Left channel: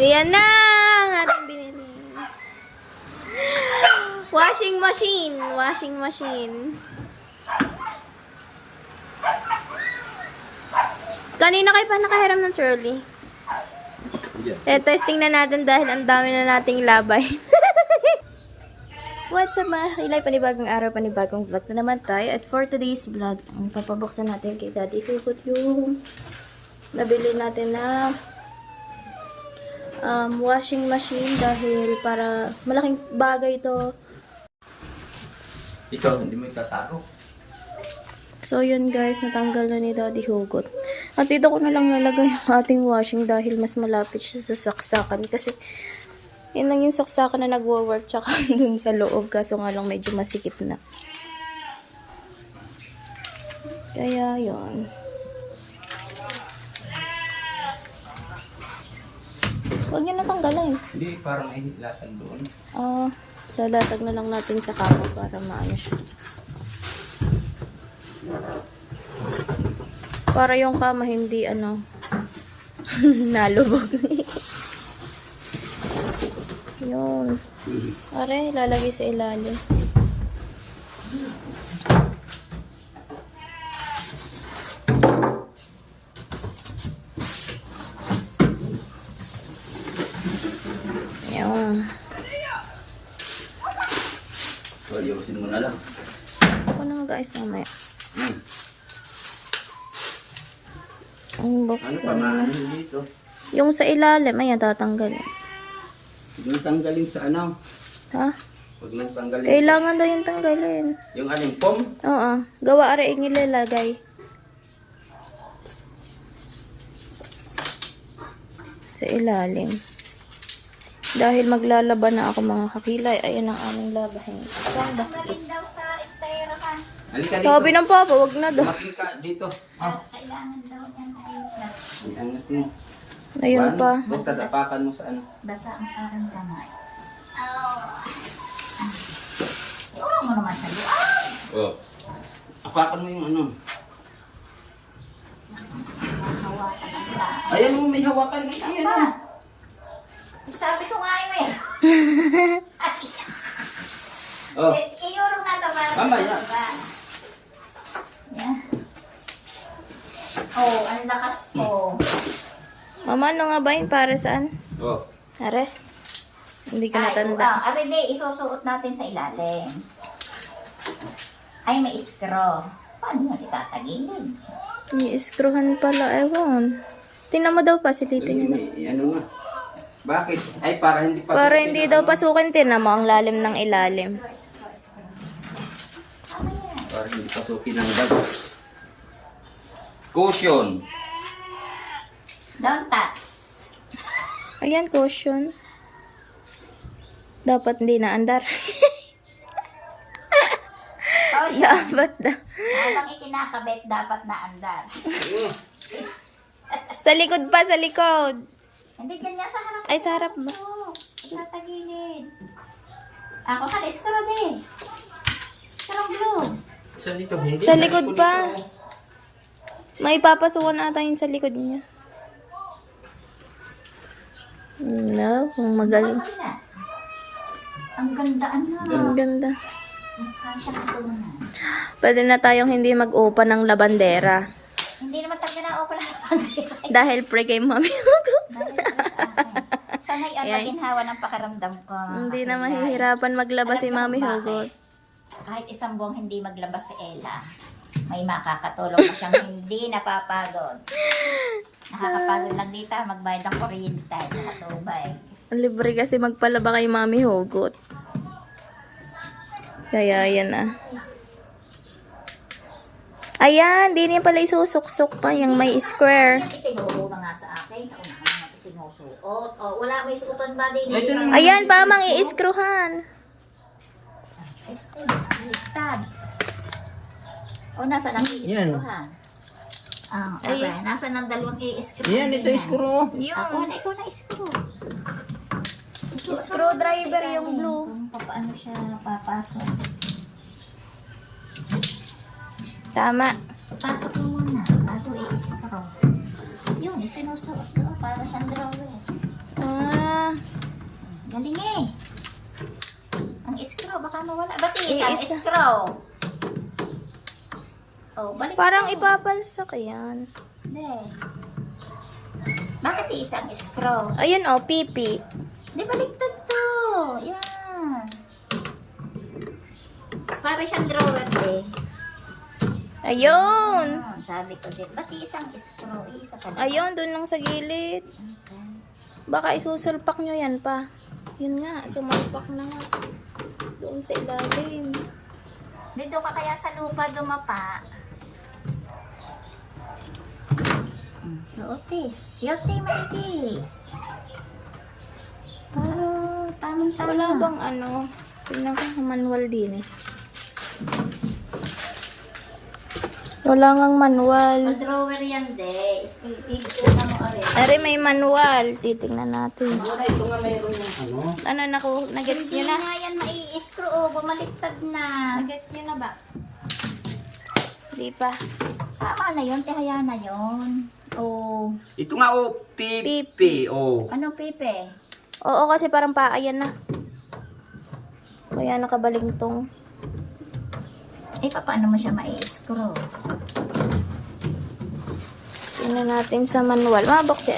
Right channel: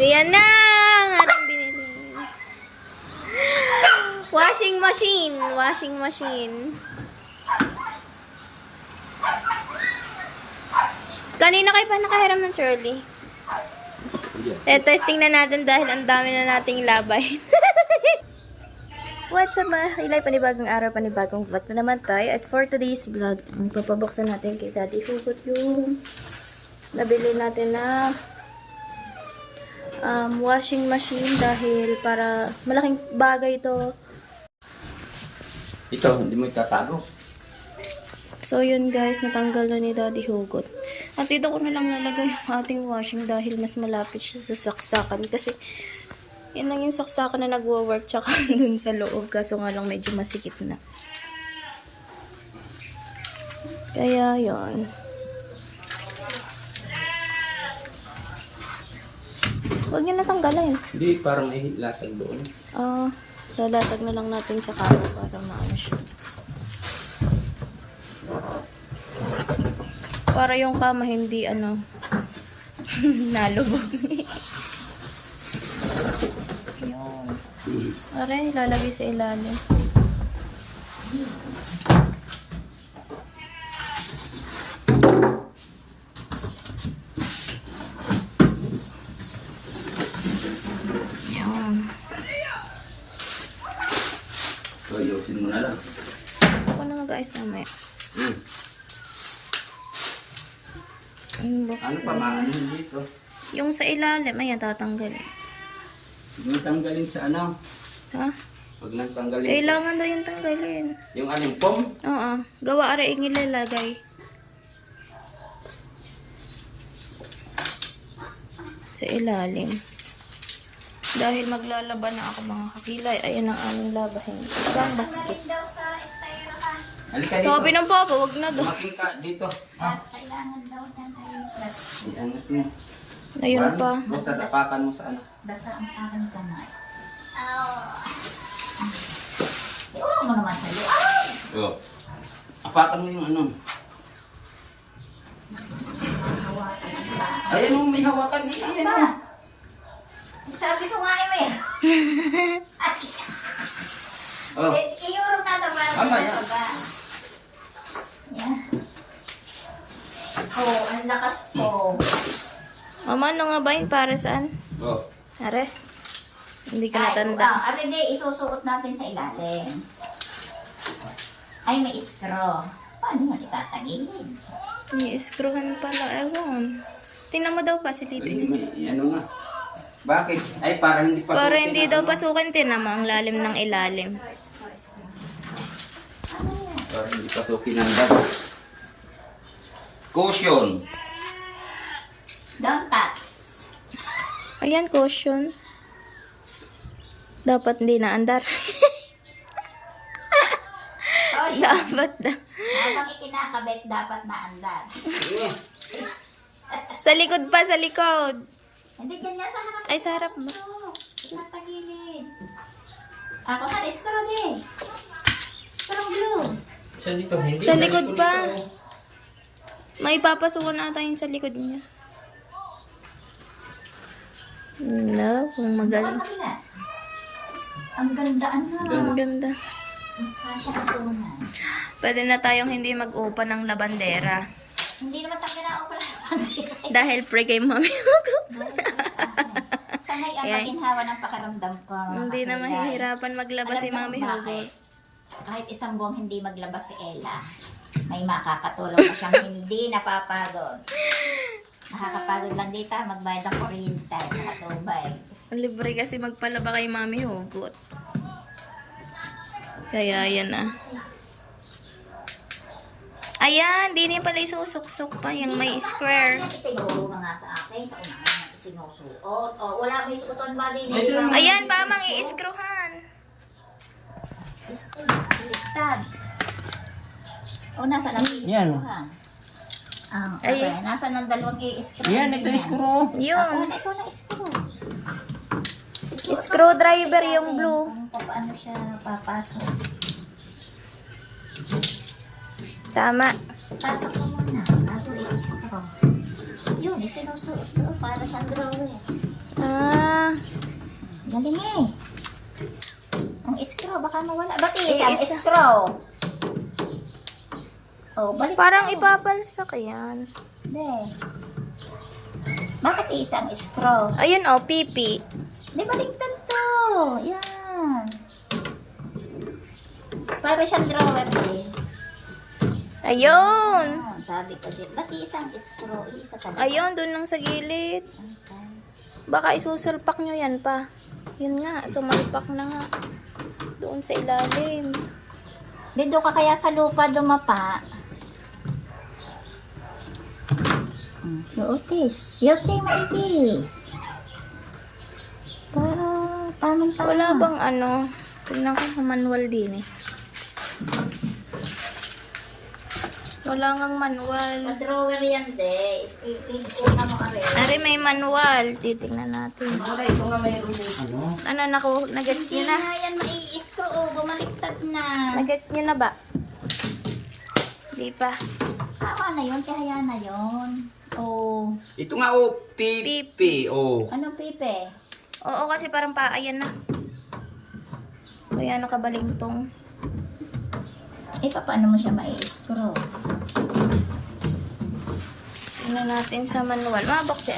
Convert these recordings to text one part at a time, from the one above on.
Ayan na! Ating binili. Washing machine. Washing machine. Kanina kayo pa nakahiram ng trolley? Testing na natin dahil ang dami na nating labay. What's up mga kakilay? Panibagong araw, panibagong vlog na naman tayo. At for today's vlog, ang papabuksan natin kay Daddy Hugot yung nabili natin na washing machine dahil para malaking bagay ito. Ito, hindi mo itatago. So yun guys, natanggal na ni Daddy Hugot. At dito ko na lang nalagay yung ating washing dahil mas malapit siya sa saksakan. Kasi yun lang yung saksakan na nagwo-work tsaka dun sa loob. Kaso nga lang medyo masikip na. Kaya yun. Huwag niyo natanggalin. Hindi, parang ihilatag doon. Lalatag na lang natin sa kama para maano siya. Para yung kama hindi nalubog. Yun. Aray, lalagay sa ilalim. Yun. So, ayusin mo na lang. Ako na mag-ayos mamaya. Ang box. Ano pa maanin dito? Yung sa ilalim, ayan, tatanggalin. Huwag nang tanggalin sa ano? Ha? Huwag nang tanggalin Kailangan daw yung tanggalin. yung aling pom. Oo. Gawa ara yung ilalagay. Sa ilalim. Dahil maglalaban na ako mga kakilay. Ayan ang aming labahin. Isang basket. Halika dito. Sabi ng papa, wag na daw. Tumating ka dito. Kailangan daw niya tayo. Iangat mo. Ayun pa. Butas apakan mo sa ano. Basa ang aking kamay. Iulong mo naman sa luay. Oh. Apakan mo yung ano. Hawakan ang lahat. Ayan mo, may hawakan. Ayan mo. Sabi ko nga eh. Oh. Iulong na naman. Mamaya. Yan. Oh, ang lakas ko. Mama, ano nga ba yun? Para saan? Oh. Are? Hindi ko natanda. Hindi, isusuot natin sa ilalim. Ay, may straw. Paano mo itatagilid? I-screwhan pala. Ewan. Tingnan mo daw pa. Silipin mo. May ano na. Bakit? Ay, para hindi pasukin. Para hindi daw pasukin. Tingnan mo ang lalim ng ilalim. Para hindi pasukin ng bagas. Caution. Don't touch. Ayan, caution. Dapat hindi naandar. Oh, siya. Dapat na. Habang ikinakabit, dapat naandar. Sa likod pa, sa likod. Hindi, ganyan sa harap. Ay, sa harap ba? Itatagilid. Ako ka, screw din. Screw glue. Sa dito, hindi. Sa likod pa. May papasukan ata yun sa likod niya. No, kung magaling. Kabila. Ang gandaan na. Ang ganda. Kasya katunan. Pwede na tayong hindi mag-open ng labandera. Hindi naman tayo na open. Dahil pre kay mami. Sa ngayon, Ayan. maginhawa ng pakiramdam ko. Hindi na mahihirapan maglabas si Alam mo mami kung Hugot. bakit? Kahit isang buwang hindi maglabas si Ella, may makakatulong na siyang hindi napapagod. Nakakapagod lang dito, magbayad ng kuryente, nakatubay. Libre kasi magpalaba kay mami Hugot. Kaya yan ah. Ayan, di niya pala isusuksok pa yung may square. Ito yung nga sa akin, sa unahan na isinusuot. O, wala may suoton ba din? Ayan pa, mang i-screwhan. Liktad. O, nasa lang i-screwhan? Ay. Okay. Nasa ng dalawang i-screw? Yan, ito screw. Ako Yun. na, ikaw na i-screw. Screwdriver yung blue. Kung paano siya napapasok. Tama. Pasok mo muna. Bago i-screw. Yun, isinusuot ko para sa drawer. Ah, Galing eh. Ang screw, baka mawala. Ba't isang isa. screw? Oh, balik parang mo. ipabalsak yan. Be. Bakit isang screw? Ayun oh, pipi. Di baliktad to. Yan. Para siyang drawer eh. Ayun. Sabi ko din. Ba't isang screw? Isa talaga. Ayun, dun lang sa gilid. Okay. Baka isusulpak nyo yan pa. Yun nga, sumalpak na nga. Doon sa ilalim. Dito ka kaya sa lupa dumapa. Suotis. Yote maigi. Para tamang-tama. Wala bang ano? Tingnan ko sa manual din eh. Wala ngang manual. Drawer yan, de. Una mo abe. Are, may manual. Titingnan natin. Wala, ito nga mayroon yung ano. Ano, nagets Hindi nyo na? na yan mai-screw. Oh, bumaliktad na. Nagets nyo na ba? Hindi pa. Tama na yun. Kaya na yun. Oh. Ito nga oh, pipi. Oh. Anong pipe? Oo, kasi parang paayan na. Kaya nakabalingtong. Paano mo siya mai-screw? Tingnan natin sa manual. Buksan.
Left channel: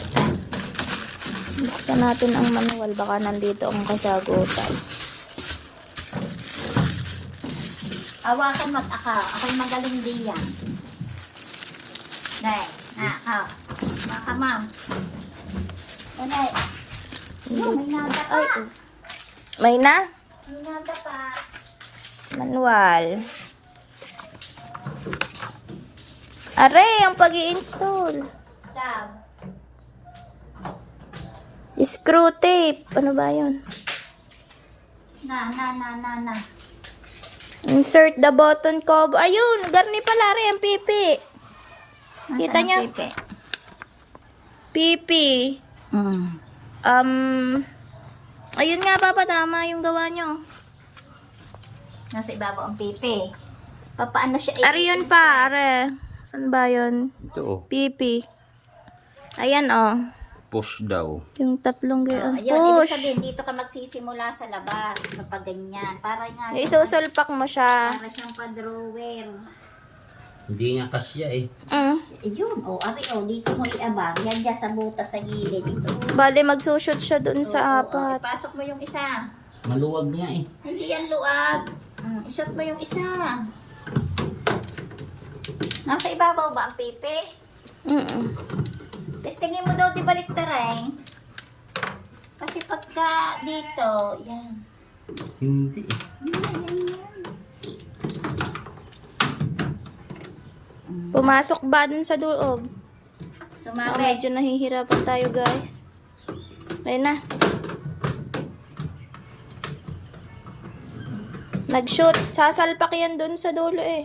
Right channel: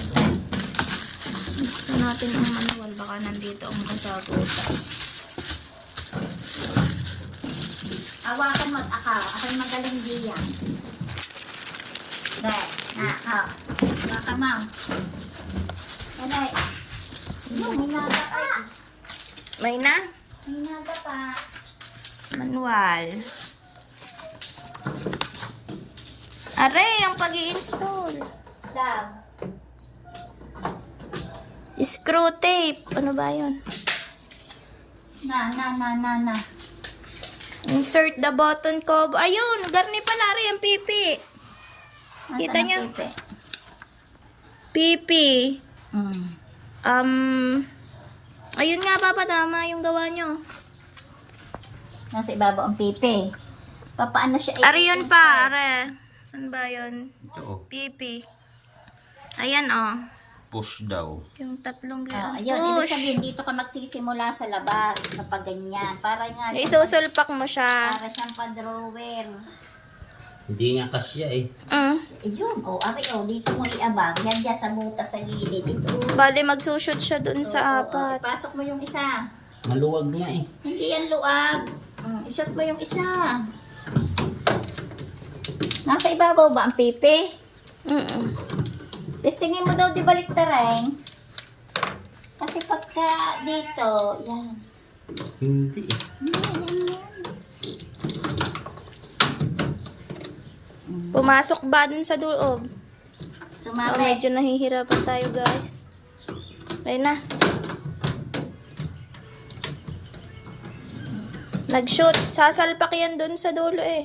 Buksan natin ang manual. Baka nandito ang kasagutan. Awakan mag-akaw. Ako'y magaling diyan. Dahil, akaw. Baka ma'am. Dahil. May nada pa. May na? May nada pa. Manual. Aray, ang pag-i-install. Daw. Screw tape. Ano ba yun? Na. Insert the button cover. Ayun, garni pala rin ang pipi. Kita Nasaan niyo? ang pipe? Pipi. Mm. Ayun nga, Papa, tama yung gawa nyo. Nasa ibabaw ang pipe. Paano siya Are yun pa, are. Saan ba yun? Ito oh, Pipi. Ayan, oh. push daw. Yung tatlong Oh, ganyan. ayun, ibig Push. sabihin, dito ka magsisimula sa labas kapag ganyan. Para nga Isusulpak mo siya. para siyang pa-drawer. Hindi nga kasya eh. Ayun, dito mo iabang. Yan dyan sa butas sa gilid. Ito. Bale, magsushoot siya dun sa apat. Ipasok mo yung isa. Maluwag nga eh. Hindi yan luag. Isot mo yung isa. Nasa ibabaw ba ang pipi? Testingin mo daw di baliktarin. Kasi pagka dito, yan. Hindi eh. Pumasok ba dun sa loob? Sumabit. Medyo nahihirapan tayo, guys. Ayun na. Nag-shoot. Sasalpak yan dun sa dulo eh.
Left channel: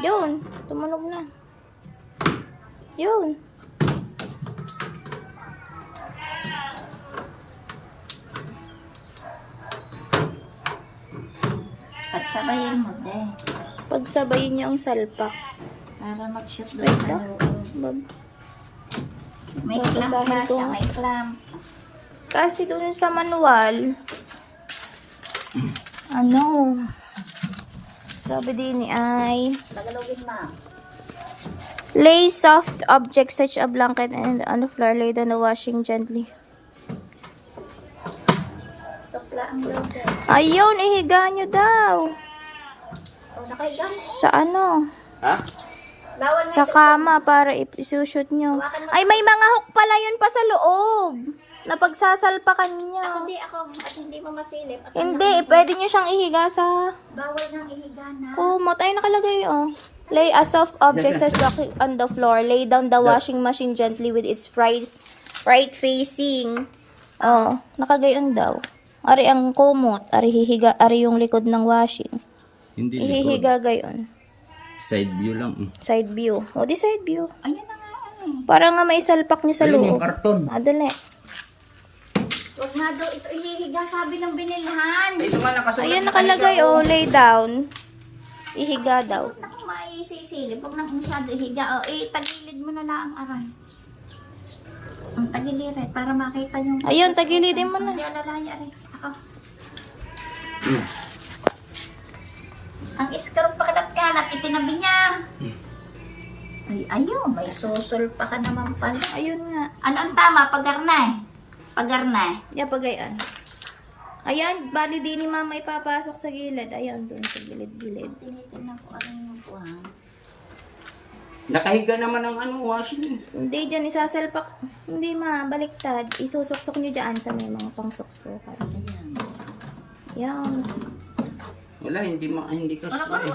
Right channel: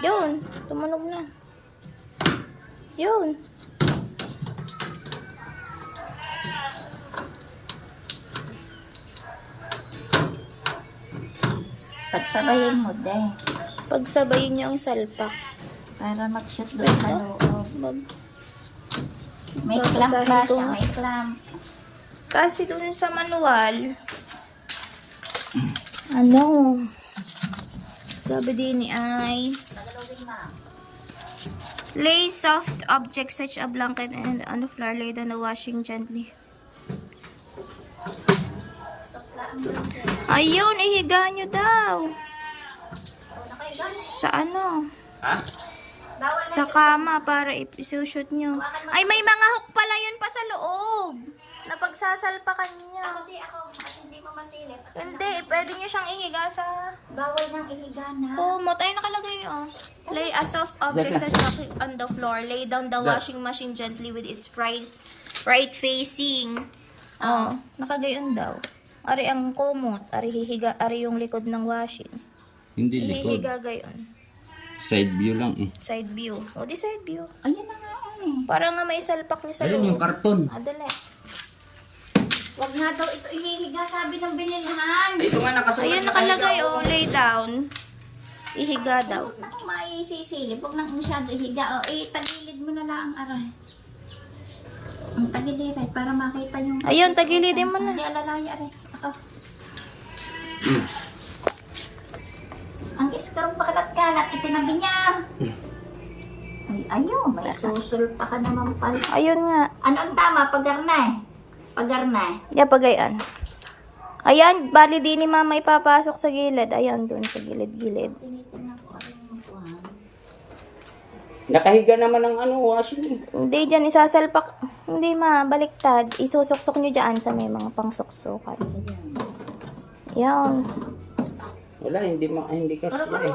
Yun. Tumunog na. Yun. Pagsabayin mo, de. Pagsabayin niyo ang salpak. Para mag-shoot doon sa loob. May clamp Babasahin ba ko siya? nga. May clamp. Kasi dun sa manual, ano, sabi din ay, Nagalogin, ma'am. lay soft objects such a blanket and on the floor, lay down the washing gently. Sopla ang logo. Ayun, ihiga nyo daw. Nakahiga. Sa ano? Ha? Bawal na. Sa kama para isushoot nyo. Ay, may mga hook pala yun pa sa loob. Na pagsasalpakan niya. Ako. At hindi mo masilip. At Hindi, pwede nyo siyang ihiga sa bawal nang ihiga na. kumot. Ay, nakalagay oh. Lay a soft object such on the floor. Lay down the washing machine gently with its right facing. Oh, nakagayon daw. Ari ang kumot. Ari hihiga. Ari yung likod ng washing. Hindi likod. Ihihiga gayon. Side view lang eh. Side view. O, di side view. Ayun na nga eh. Para nga may salpak niya sa Ayun yung loob. karton. Dali. Wag nga daw ito ihihiga, sabi ng binilhan. Ay, ito nga nakasulat. Ayun, nakalagay oh. Lay down. Ihiga daw. Ako maisisilip, wag nang masyado ihiga. Tagilid mo na lang, aray. Ang tagiliran para makita yung... Ayun, tagilidin mo na. Hindi, alalaya rin. Ako. Mm. Ang iskarong pakalat-kalat, itinabi niya. Ay, ayun, may susul pa ka naman pala. Ayun nga. Ano ang tama? Pagarnay. Pagarnay. Yeah, pagayan. Ayan, bali din ni mama ipapasok sa gilid. Ayan, doon sa gilid-gilid. Tinitingnan ko rin yung buwan. Nakahiga naman ang ano, washing. Hindi dyan isasalpak. Hindi ma, baliktad. Isusuksok nyo dyan sa may mga pangsuksukan. Ayan. Ayan. Wala, hindi kasi eh.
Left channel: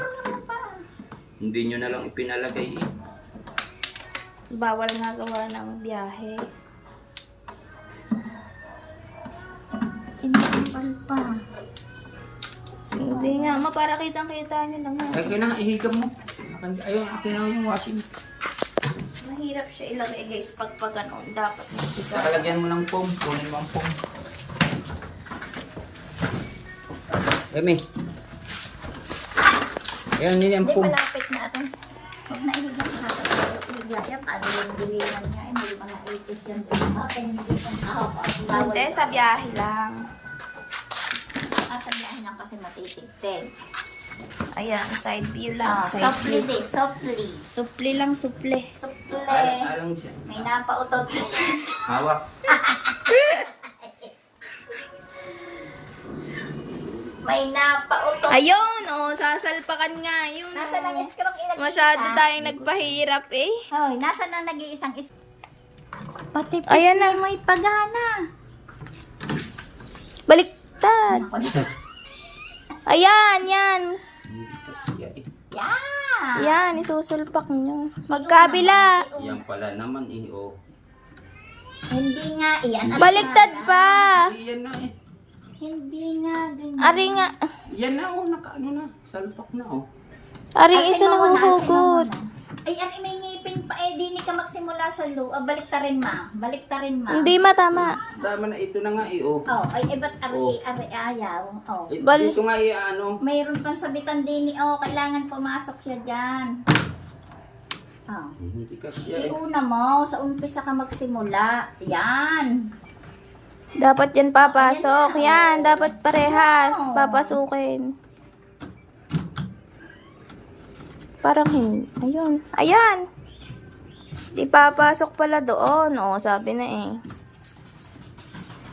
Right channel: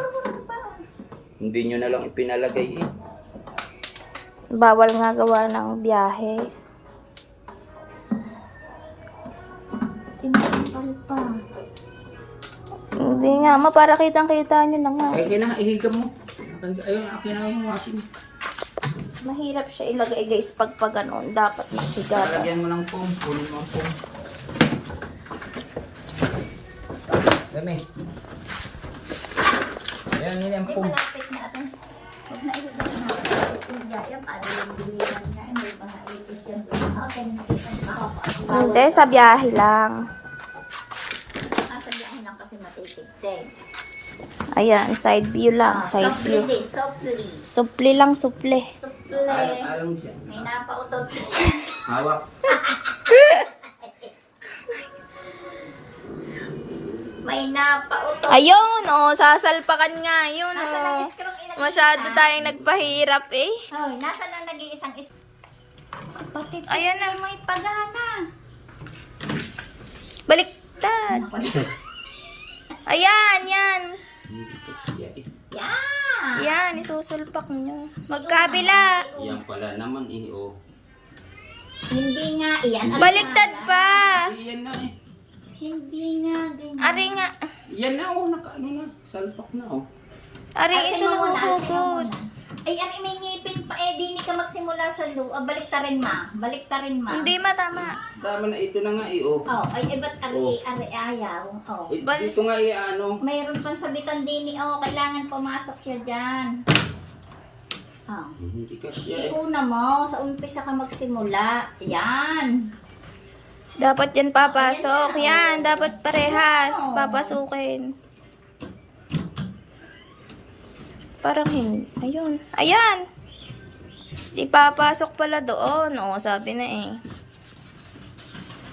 Hindi nyo na lang ipinalagay eh. Bawal nga gawa ng biyahe. Imbal pa. Hindi nga, ma, para kitang-kita nyo na nga. Ay, kinahiga mo. Ayun, akin na yung washing. Mahirap siya ilagay guys pag gano'n. Dapat makiga. Lalagyan mo ng foam. Kunin mo ang foam. Emi. Ayan, yun yung Hindi, foam. malapit na ito. Huwag na ihigit na ito. Iligayang, ano yung bilihan niya. Hindi mga 80s yan. Okay, hindi ang ako. Hindi, sa biyahe lang. Sa biyahe lang kasi matitigtig. Ayan, side view lang. Side Softly view. this, softly. Supli lang, supli. Softly. Alam siya. May napautot. Hawak. May napautot. Ayun, oh, sasalpakan nga. Yun, Nasa ng oh. iskrong ilagay Masyado isa? tayong nagpahirap eh. Hoy, nasa na nag-iisang Pati Ayan na. may pagana. Baliktad. Ako na. Ayan, yan. Hindi kasi eh. Yan. Yan, isusulpak nyo. Magkabila. Yan pala naman eh. Oh. Hindi nga. Iyan. Baliktad pa. Yan na eh. Hindi nga. Ganyan. Ari nga. Yan na oh. Nakaano na. Salpak na oh. Ari Asin isa mo muna, asin mo nahuhugot. muna. Ay, ari may ngipin pa. Eh, di ni ka magsimula sa loob. Balik ta rin, ma. Balik ta rin, ma. Hindi matama. Dama na ito na nga eh. Oh. Oh, ay, ba't Oh. ari ayaw? Oh. Eh, Bali- dito nga eh ano. Mayroon pang sabitan din ni, oh, kailangan pumasok siya dyan. Oh. Hindi kasi eh. Iuna mo, sa umpisa ka magsimula. Yan. Dapat yan papasok. Yan, dapat parehas. Papasukin. Parang hindi. Ayun. Ayan. Di papasok pala doon. Oo, sabi na eh.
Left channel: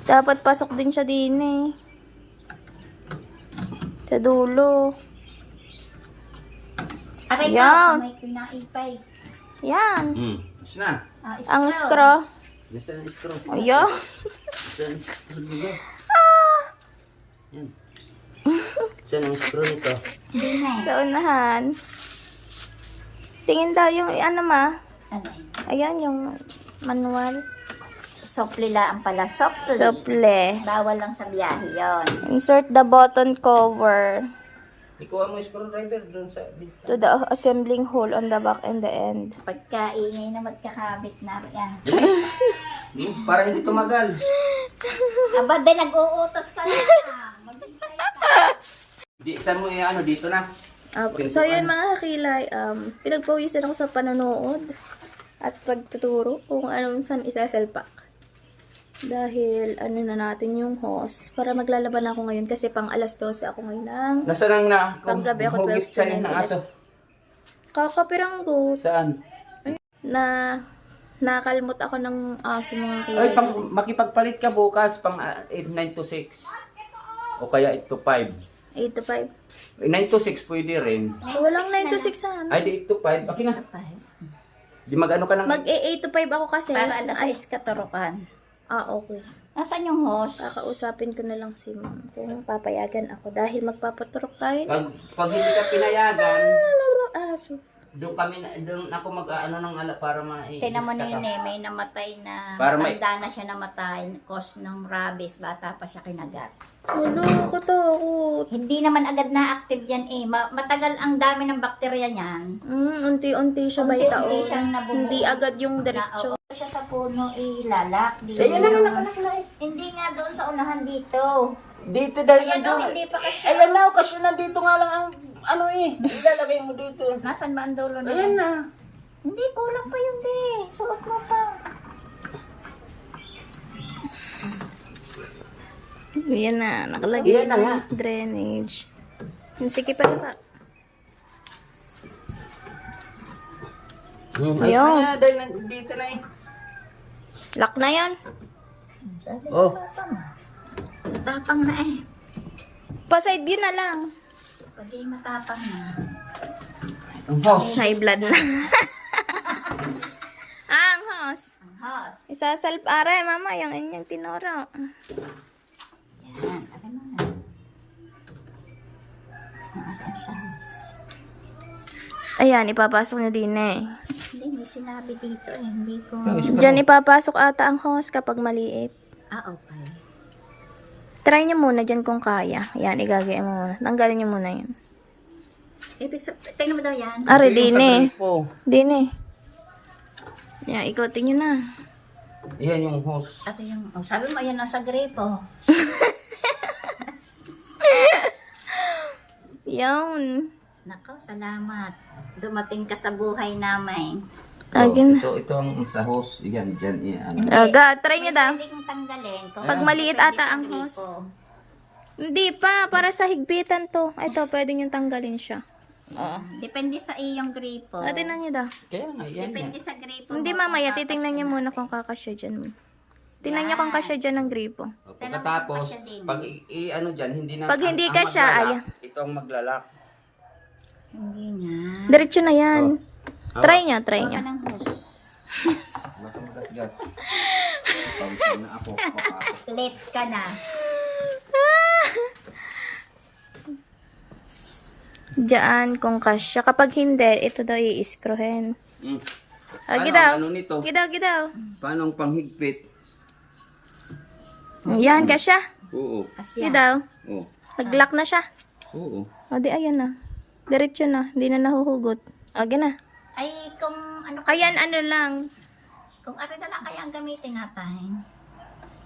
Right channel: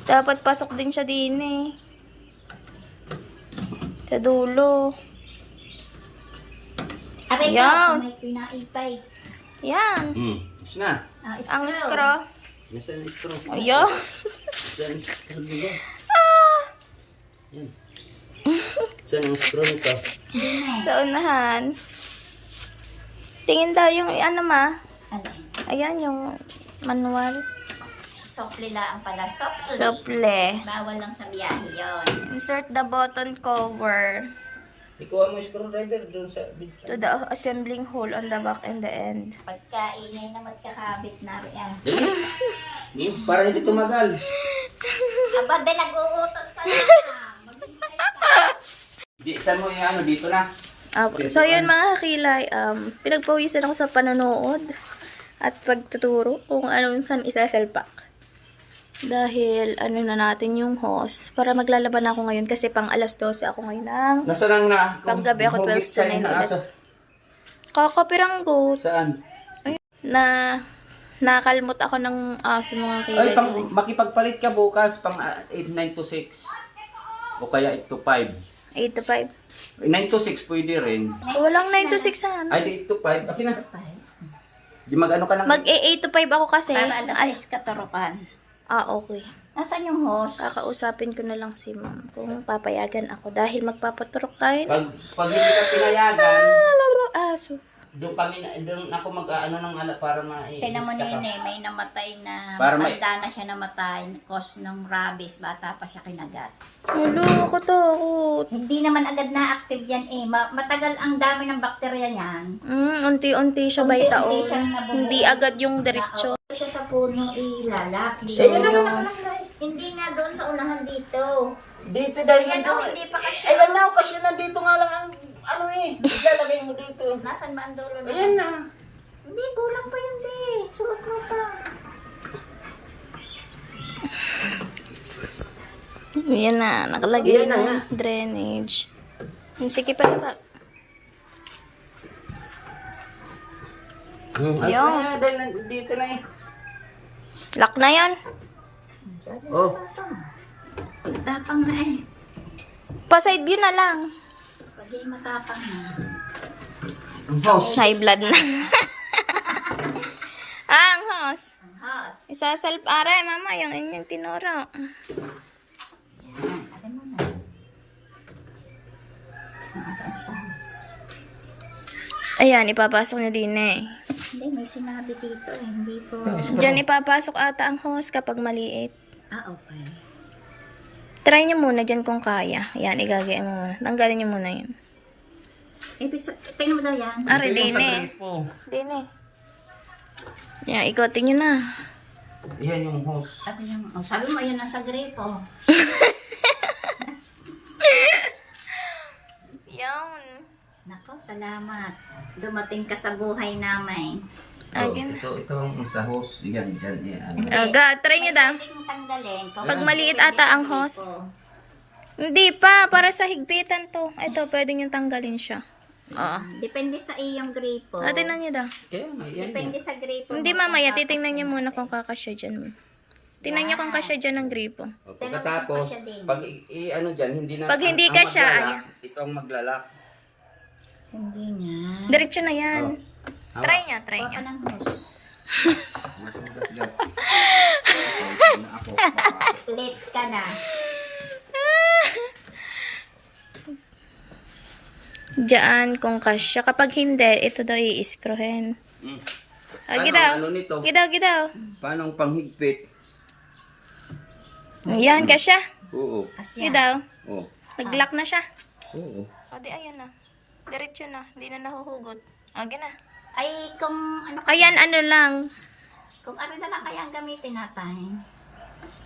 Dapat pasok din siya din eh. Sa dulo. Aray Yan. ka, may pinaipay. Yan. Is na. Ah, Ang straw. Nasaan ang straw? Ayan. Saan ang straw nito? Yan. Saan ang straw nito? Hindi na eh. Sa unahan. Tingin daw yung ano ma. Ano eh? Ayan yung manual. Sopli lang pala. Sopli. Suple. Bawal lang sa biyahe yon. Insert the button cover Ikuha mo yung screwdriver doon sa bintana. to the assembling hole on the back and the end. Pagkaingay na magkakabit na riyan. Para hindi tumagal. Aba, din nag-uutos ka na. Di, saan mo yung ano? Dito na. So yun mga kakilay, pinagpawisan ako sa panonood at pagtuturo kung anong saan isasalpak. Dahil ano na natin yung hose para maglalaban ako ngayon kasi pang alas 12 ako ngayon ng Nasaan ang na? Panggabi ako 12 to 9 ulit. Kakapiranggot Saan? na nakalmot ako ng aso mga Ay, kilay. makipagpalit ka bukas pang 9 to 6. O kaya 8 to 5. 8 to 5. 9 to 6 pwede rin. Walang 9 to 6 saan. Ay, di 8 to 5. Okay na. Di mag-ano ka ng... Mag 8 to 5 ako kasi. Para alas Ay, 6 katurukan. okay. Nasaan yung host? Kakausapin ko na lang si ma'am kung papayagan ako dahil magpapaturok tayo. Pag hindi ka pinayagan, Aso. doon ako mag-ano ng ala para Tignan mo ma-i-iska ka. nene, may namatay na, Para may- matanda na siya namatay, cause ng rabies, bata pa siya kinagat. Ulo, katakot. Hindi naman agad na-active yan eh. Matagal ang dami ng bakterya niyan. Unti-unti siya Unti-unti baitaon. siyang nabubuo. Hindi agad yung diretso. Naupo siya sa puno ilalak. So, yun. Hindi nga doon sa unahan dito. Dito dahil Ayan o, hindi pa kasi. Ayan na, kasi nandito nga lang ang ano eh. Ilalagay mo dito. Nasaan ba ang dulo na? Ayan na. Hindi, kulang pa yun di. Suot mo pa. Yan na, nakalagay Yan na nga. na drainage. Sige pa na ba? Ayun. Ayun. Dahil dito na eh. Lock na yan. Oh. Tapang na eh. Pa-side view na lang. Pag matapang na. Ang house. High blood na. Ang house. Ang house. Isasalp aray, mama, yung inyong tinuro. Yan. Alam mo na. Ang alam sa house. Ayan, ipapasok nyo din eh. Hindi, may sinabi dito eh. Hindi ko... Diyan ipapasok ata ang host kapag maliit. Okay. Try nyo muna dyan kung kaya. Ayan, igagaya mo muna. Tanggalin nyo muna yun. Ibig sabihin, tingnan mo daw yan. Ari, din Sa eh. gripo. Din eh. Yan, ikotin nyo na. Yan yung house. Sabi yung, sabi mo, yan nasa gripo. Yan. Nako, salamat. Dumating ka sa buhay namin. Agin. Ito ang sa house. Yan, dyan. Yan. Aga, try nyo daw. Pwedeng tanggalin. Kung Pag maliit ata ang host. Hindi pa, para sa higpitan to. Ito, pwede nyo tanggalin siya. Oo. Depende sa iyong gripo. Tingnan nyo daw. Kaya nga, yan. Depende sa gripo. Hindi mo mamaya, kung titingnan nyo muna kung kakasya dyan mo. Tingnan nyo kung kasya dyan ng gripo. Pagkatapos, Pero, kasya din. pag ano dyan, hindi na... Pag hindi ang kasya, maglalak, ayan. Ito ang maglalak. Hindi nga. Diretso na yan. Oh. Try nyo, try Huwag nyo. ka ng host. Gas. Ako. Late ka na. Diyan kung kasya. Kapag hindi, ito daw i-screwin. Mm. Gidaw. Ano nito? Gidaw. Paano ang panghigpit? Yan, kasya. Oo. Asya. Gidaw. Oo. Nag-lock na siya. Oo. O di, ayan na. Diretso na. Hindi na nahuhugot. O, na. Ay, kung ano, Ayan, ano lang. kung ano na lang kaya ang gamitin natin.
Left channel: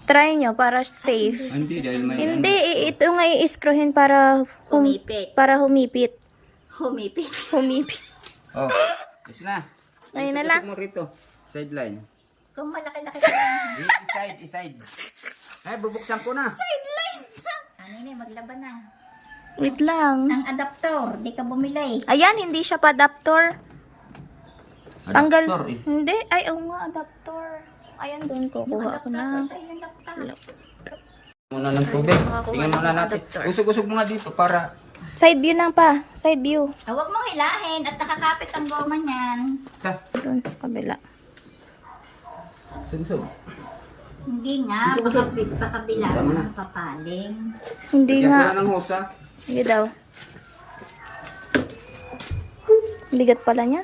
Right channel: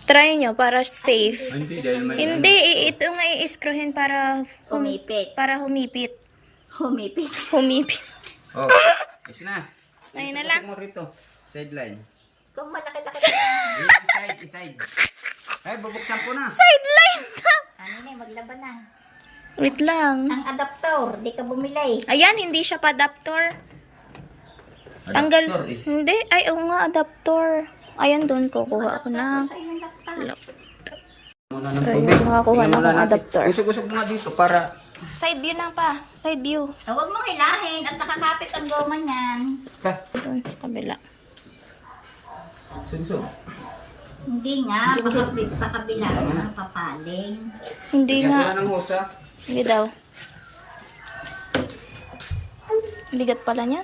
Try nyo para safe. Hindi, dahil may... Hindi, ito nga i-screwin para Humipit. para humipit. Humipit. Humipit. Oh, yes na. Ayun na lang. Isok mo rito. Sideline. Kung malaki-laki na. Iside. Ay, bubuksan ko na. Sideline na. Ano na, maglaban na. Wait lang. Ang adaptor, di ka bumili. Ayan, hindi siya pa adapter. Tanggal. Adaptor, eh. Hindi. Ay, oo nga, adapter. Ayan, doon kukuha ako na. Sa iyong laptop. Muna ng tubig. makakuha Tingnan na muna ng natin. adaptor. Usog-usog muna dito para... Side view lang pa. Side view. Huwag mong hilahin at nakakapit ang goma niyan. Ha? Doon sa kabila. Usog-usog. Hindi nga, pakabila ng papaling. Hindi Lagyan ko nga. na ng hosa. Sige daw. Bigat pala niya.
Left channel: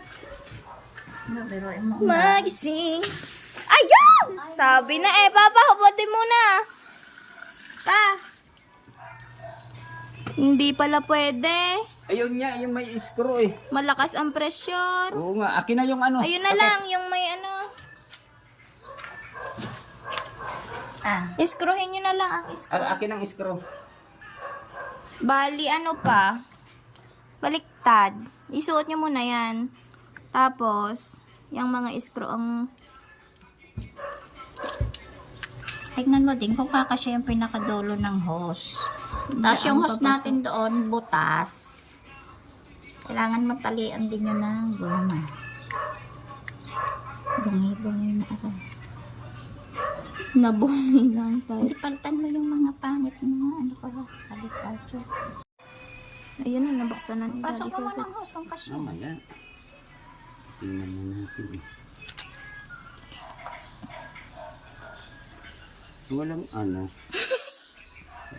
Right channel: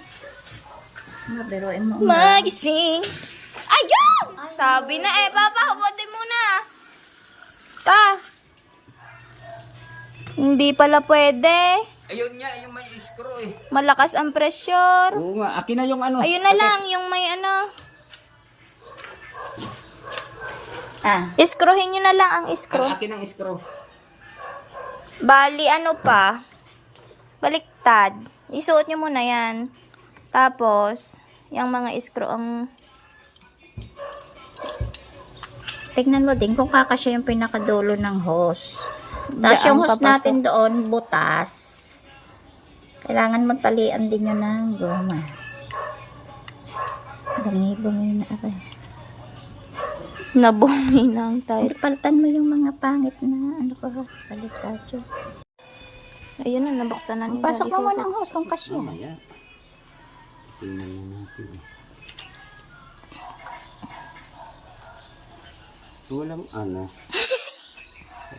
Biruin mo. Magising. Ayun! Sabi na eh, Papa, hubutin muna. Pa. Hindi pala pwede. Ayun nga, yung may screw eh. Malakas ang pressure. Oo nga, akin na yung ano. Ayun na lang, yung may ano. Iskruhin nyo na lang ang iskru. Akin ang screw. Bali, ano pa? Baliktad. Isuot nyo muna yan. Tapos, yung mga iskru ang... Tignan mo din kung kakasya yung pinakadulo ng hose. Tapos Diyan yung hose papasok. natin doon, butas. Kailangan magtalian din yun ng goma. Bungi-bungi na ako. Nabumi na ang Hindi, tiles. palitan mo yung mga pangit na ano pa salita dyan. Ayun na, nabuksan na ni Pasok Daddy mo Hugo. ng hose kung kasya. Mamaya. Tingnan na natin eh. Walang ano.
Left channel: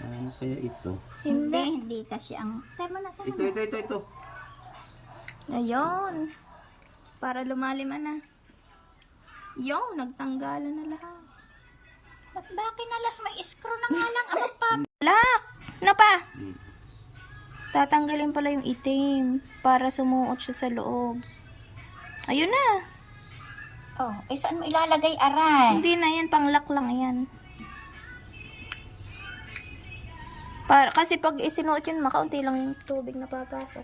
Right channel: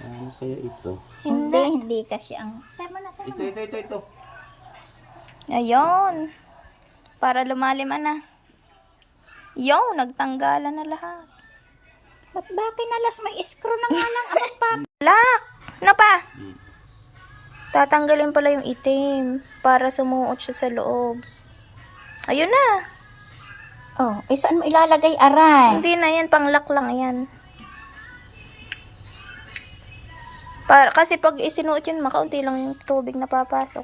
Ano kaya ito? Hindi kasi ang... Tama na. Ito. Ayun. Para lumalim na. Yo, nagtanggalan na lahat. Ba't ba kinalas may screw na nga lang ang pa? Lock! Ano pa? Tatanggalin pala yung itim para sumuot siya sa loob. Ayun na. Oh, saan mo ilalagay aray? Hindi na yan, pang-lock lang yan. Para, kasi pag isinuot yun, makaunti lang yung tubig na papasok.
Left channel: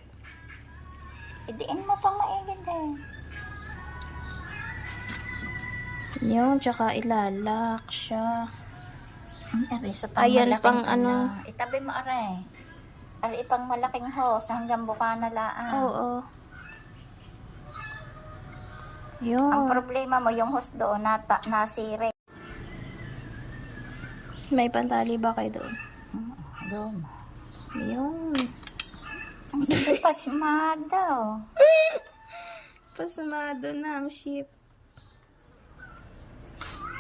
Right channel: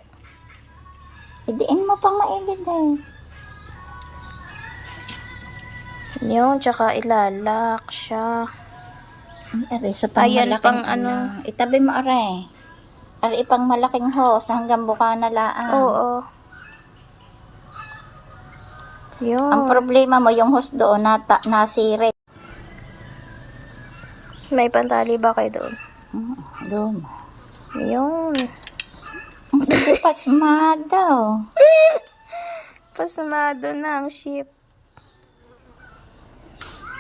Idiin mo pang maigid eh. Yun, tsaka ilalak siya. Aray, sa pang Ayan, malaking pang ano. Itabi mo, aray. Aray, pang malaking hose hanggang buka na laan. Oo. Yun. Ang problema mo, yung hose doon, nasire. May pantali ba kayo doon? Doon. Yun. Ang sabi, pasmado. Pasmado na ang ship.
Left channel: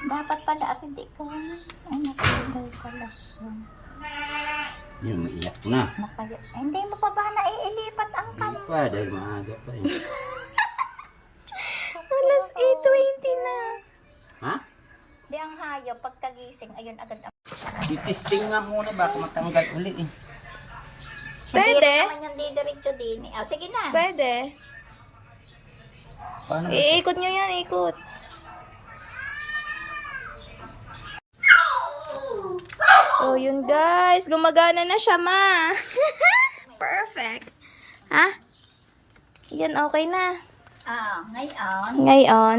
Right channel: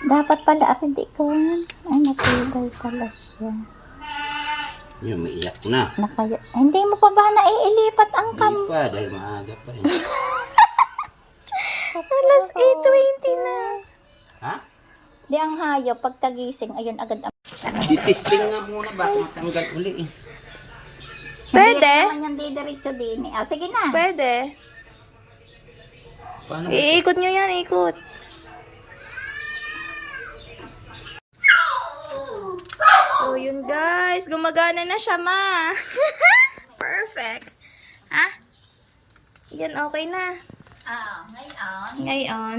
Dapat pala, aray, di ko yan. Ay, natibay pala siya. Yun, maiyak na. Hindi mo pa ba naiilipat ang Hindi pa, dahil maaga pa rin. Alas 8:20 na. Ha? Di ang hayop, pagkagising, ayun agad ang... Di-testing nga muna, baka matanggal uli eh. Pwede? Hindi naman yan didiretso din. Ah, sige na. Pwede. Paano? Iikot nyo yan, ikot. So, yun guys. Gumagana na siya, ma. Perfect. Ha? Yan, okay na. Ngayon, Ngayon.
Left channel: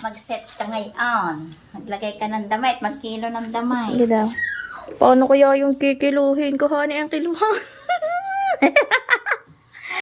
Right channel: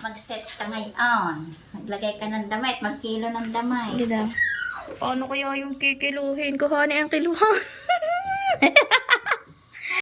mag-set ka ngayon. Maglagay ka ng damit, magkilo ng damay. Hindi daw. Paano kaya yung kikiluhin ko? Hani ang kiluhan.